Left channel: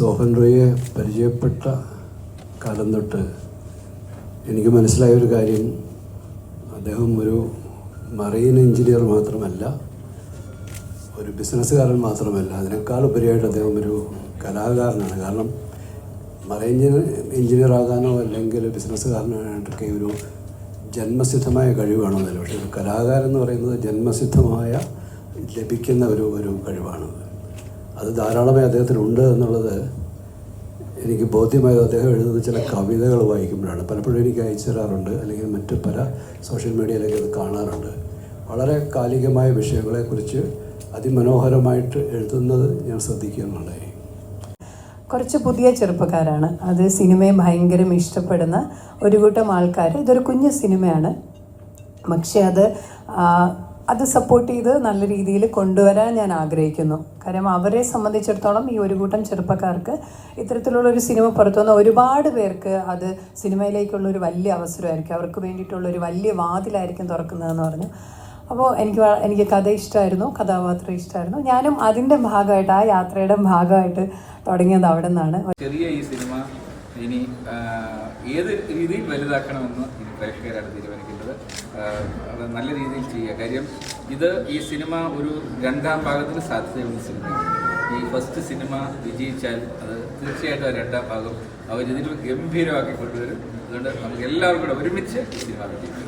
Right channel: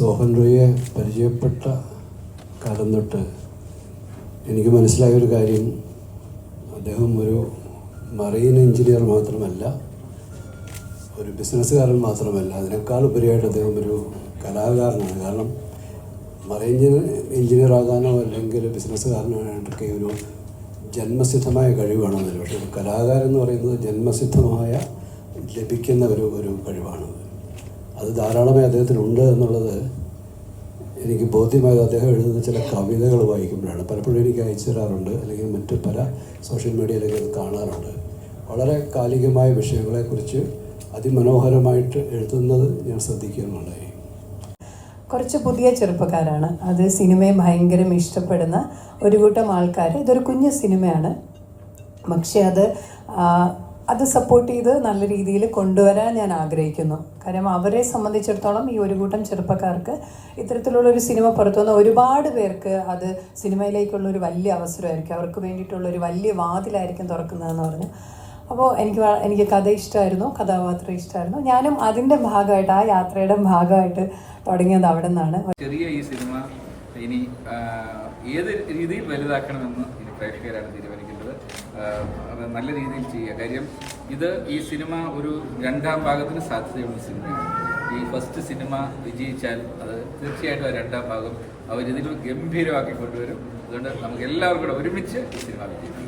മോഹൻ റോയെ പരിചയപ്പെട്ട കാലം തൊട്ട് എനിക്ക് മനസ്സിലായ ഒരു കാര്യം. അദ്ദേഹം ഒരു മറീൻ എഞ്ചിനീയർ മാത്രമല്ല ഒരു ബിസിനസ്സുകാരൻ മാത്രമല്ല. അതിനേക്കാൾ ഉപരിയായിട്ട് അദ്ദേഹം ഒരു കലാകാരനാണ്. കാരണം മറൈൻ എഞ്ചിനീയർ ആകാനോ അല്ലെങ്കിൽ ബിസിനസ്സുകാരനായിട്ടൊക്കെ ഒരു ജന്മസിദ്ധമായ കഴിവാണെന്നല്ല പക്ഷേ ഒരു കലാകാരൻ എന്ന് പറയുന്നത് ജന്മസിദ്ധമായ ലഭിക്കുന്ന ഒരു ഒരു കഴിവാണ് അത് ധാരാളമായി അദ്ദേഹത്തിനുണ്ട് എന്നുള്ളത് എനിക്ക് ബോധ്യമായത് അദ്ദേഹം എഴുതുന്ന ചില കവിതകൾ വായിക്കുമ്പോഴാണ്. പലപ്പോഴും എനിക്ക് അയച്ചു തരാറുണ്ട് അല്ലെങ്കിൽ മറ്റ് പല സോഷ്യൽ മീഡിയയിലൊക്കെ അത് കാണാറുണ്ട്. വളരെ കാലികമായ വിഷയങ്ങളെക്കുറിച്ച് അതിമനോഹരമായിട്ട് എഴുതുന്നത് ഞാൻ ശ്രദ്ധിക്കുന്നുണ്ടായി കുറച്ച് പുതിയ ചെറുപ്പക്കാരാണ്. അത് സിനിമയെ ഭയങ്കരം ഇഷ്ടപ്പെടുന്ന ഒരു കൂട്ടം ആൾക്കാർ ഇതൊരു കുഞ്ഞു സിനിമയാണ്. പക്ഷേ അത് അത് സപ്പോർട്ട് ചെയ്ത് നല്ല രീതിയിൽ കൊണ്ടുവരാൻ ഞാൻ ആഗ്രഹിക്കുന്നു. കാര്യം അവരെ സംബന്ധിച്ചിടത്തോളം ഈ ഒരു കൂട്ടം ചെറുപ്പക്കാർക്ക് ഇത്തരത്തിലുള്ള ഒരു സിനിമ പുറത്തു വന്ന ഒരുപാട് പേർക്ക് അത് സിനിമയിലേക്കുള്ള ഒരു വലിയ അവസരമായിരിക്കും. അവർക്ക് വേണ്ടിയിട്ടുള്ള ഒരു വലിയ വാതിലായിരിക്കും തുറക്കുന്നതെന്ന് പറഞ്ഞു. അപ്പോൾ എനിക്ക് എനിക്ക് കഥ ഇഷ്ടമായിരുന്നു കഥാപാത്രം ഇഷ്ടമായിരുന്നു. ഞാനും അതിന്റെ ഭാഗമായിട്ട് ആ യാത്രയുടെ ഭാഗമായിട്ട് തുടങ്ങിയത് അവിടെ നിന്നാണ് ചെറിയ ഈ സിനിമ ഇനി ഏത് രീതിയിൽ വലുതാക്കണമെന്ന് ഇനി പ്രേക്ഷകരാണ് തീരുമാനിക്കേണ്ടത്. അത് നല്ല രീതിയിൽ ചെയ്യുക. കാര്യം ഇത് ഈ സിനിമ ഒരു രണ്ടാം ഭാഗത്തിന് സാധ്യതയുള്ള സിനിമയാണ്. ഈ ഫസ്റ്റ് സിനിമ വിജയിച്ചാൽ അത് തീർച്ചയായിട്ടും ആ രണ്ടാം ഭാഗം അവരിതിൽ ഗംഭീരമാക്കി കൊണ്ടുവരും. അതുകൊണ്ട് നമുക്ക് എല്ലാവർക്കും കൂടെ ഒരുമിച്ച് ഈ സിനിമ വിജയിക്കും